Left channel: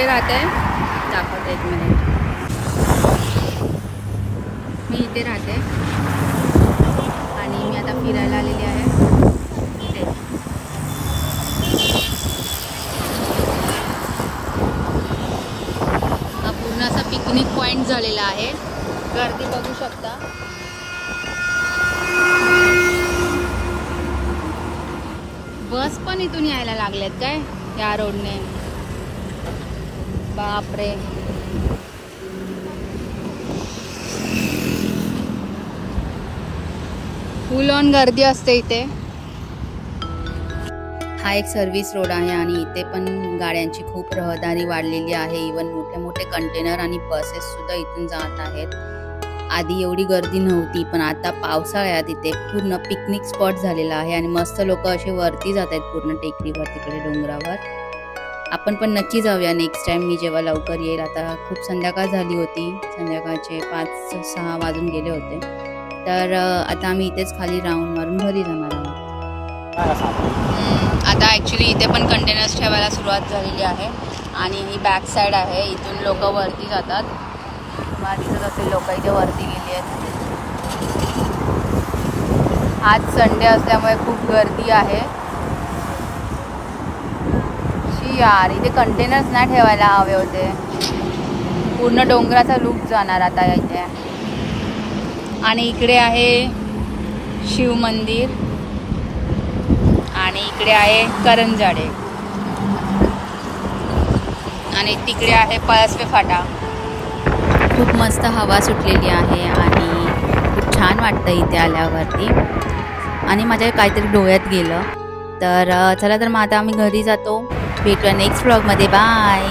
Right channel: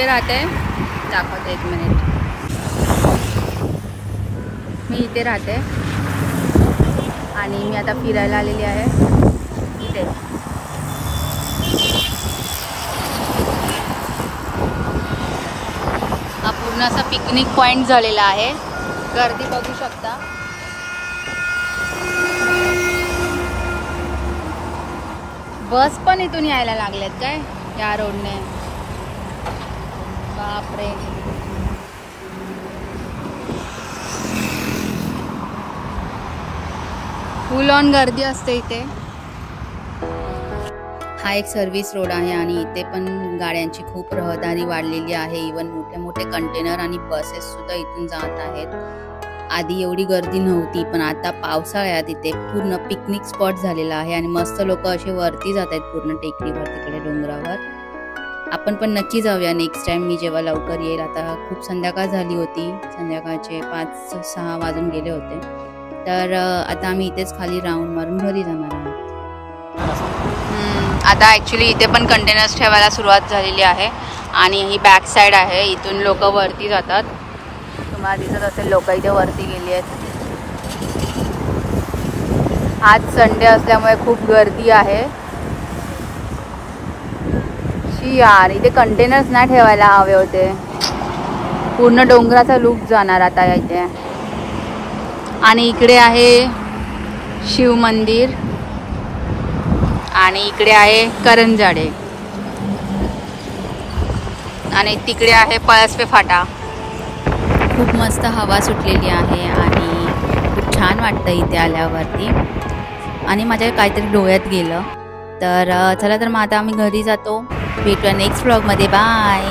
कुठे राहते दाखवते, 1 मिनिट. मी इथे राहते आणि मी आता फिरायला आलेली आहे इथे. हा पूर्ण असा पिकनिक पॉइंट झालेला आहे. गर्दी बघू शकता. बस पण इथून यायला लागल्यात काय या रोडने. बापरे. फुल ऑन गर्दी असते इथे. हा एक सर्व्हिस रोड आहे आणि इथे पण गाड्यांची खूप रहदारी वाढलेली आहे. इवन मोठे मोठे कंटेनर आणि बसेस सुद्धा इथून जात आहेत. आधी एवढी गर्दी नव्हती, पण आता पावसाळ्यात इथे पूर्ण पिकनिक स्पॉट झालेला आहे आणि मस्त लोक असे वरती जात आहेत पूर्ण टेकडीवर, तिकडे डोंगरावर. आपण पण नक्की जाऊया नेक्स्ट टाइम, मी जेव्हा लवकर येईल. आता खूप संध्याकाळ झाली होती, संध्याकाळचे 5-6 वाजून गेले होते. तर आता आम्ही इथेच खाली राऊंड मारून घरी जाणार आहोत. आता ॲक्च्युली इथे पण कंटेनर्स ठेवायला सुरुवात झालेली आहे आणि ही बॅक साईड आहे. इथून लोक वरती जातात. मला दिसत असेल लोक इथे वरती गेली आहेत. आज संडे असल्यामुळे खूप गर्दी आहे. शी यार, इथे कंटेनर्स नाही ठेवायला हवे होते. पूर्ण डोंगराचा लुक जाणार आता इथे. आणि इकडे आहे शिव मंदिर आणि इकडे आहे करंजाडे आणि तिकडे आहे पळसपे फाटा. खूप मस्त हवा सुटलेली आहे आणि खूप छान वाटतं इथे आल्यावरती. आणि माझ्या काहीतरी डोळ्यात गेलं. तर चला, तर मग आता आम्ही घरी जातो. भेटूया नेक्स्ट व्लॉगमध्ये. बाय.